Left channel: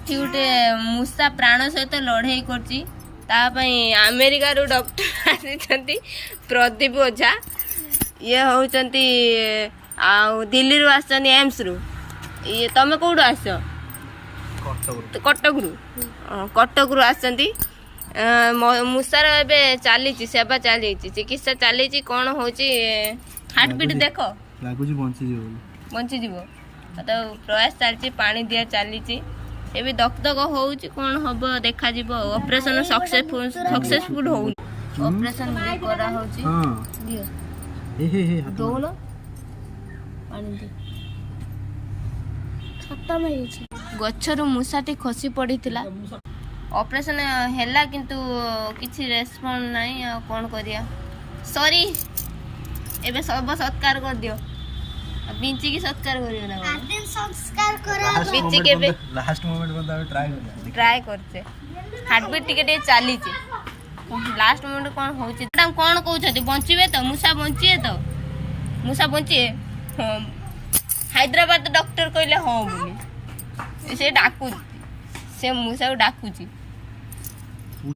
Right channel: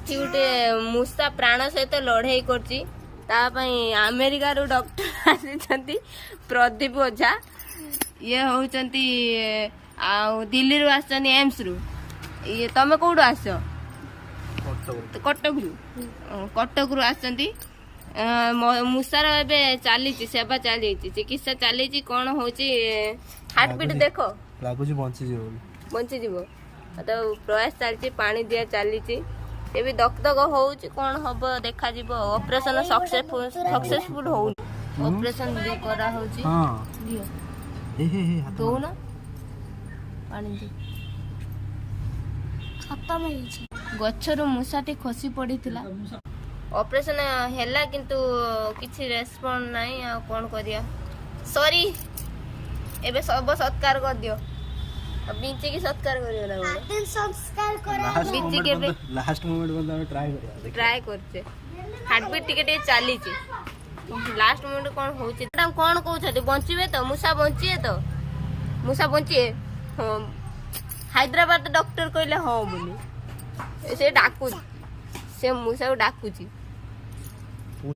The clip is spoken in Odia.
ଏଠି ଗୋଟେ ମୂଷା ପ୍ରାଣ ସହିତ ଲଢ଼େଇ କରୁଛି ତା ପାଇଁ ଆମେରିକାରୁ ଡକ୍ଟର ଆସିଛନ୍ତି ପ୍ରଦୀପ ଓଝା। ଇଏ ହେଉଛନ୍ତି ଆଉ ଦିଲ୍ଲୀରୁ ଆସିଛନ୍ତି ଏମ୍ସରୁ। ଇଏ ତମେ କେଉଁଠୁ ଆସିଛ? କଟକରୁ। କଟକରୁ ଆସିଛନ୍ତି। ମୂଷାର ଏବେ ଚାଲିଛି ସେବା ଚାଲିଛି, ଚିକିତ୍ସା ଚାଲିଛି। କ'ଣ ହେଉଛି ହାର୍ଟ ବିଟ୍ ଦେଖ, ଲାଗୁଛି ବଞ୍ଚିଯିବ। ତ ପ୍ରୟାସ ଚାଲିଛି, ପାଣି ଦିଆ ଚାଲିଛି। ଏବେ ଦଗଦଗ ହେଉଛି, କ'ଣ ହବ ଦେଖାଯିବ। ଅପରେସନ ସକ୍ସେସଫୁଲ ହଉନି। ଅପରେସନ କରାହେଉଛି। ଦିଅ ଦଉନ ପାଣି ଦିଅ। ଗଛରୁ ମୂଷାଟି ଖସି ପଡ଼ିଥିଲା। ଅପରେସନ ହେଲା କିନ୍ତୁ କିଛି ରେସ୍ପନ୍ସ ନାହିଁ। ଆଉ କ'ଣ କରିବା। ସରି, ଏବେ ଶବ ସତ୍କାର କରିଦିଅ। ବିଞ୍ଚିକି ସତ୍କାର କରିବ ନା ବିଞ୍ଚିକି ଏବେ ଟ୍ରାଏ କରୁଛେ। ହାର୍ଟବିଟ୍ ଟିକେ ଟିକେ ଚାଲିଛି। ଲାଷ୍ଟ ମୋମେଣ୍ଟ କ'ଣ ହେଉଛି କ'ଣ କହୁଛନ୍ତି? ବଞ୍ଚିବେ ତ? ମୂଷା ବଞ୍ଚିବେ ତ? ମୂଷା ବଞ୍ଚିବେ? ହଁ, ହାଇଦ୍ରାବାଦ ଡକ୍ଟର କହିଲେ ହଁ ବୋଲି। ସେ ଡାକୁଛି, ସେ ମୂଷାକୁ ଡାକୁଛି।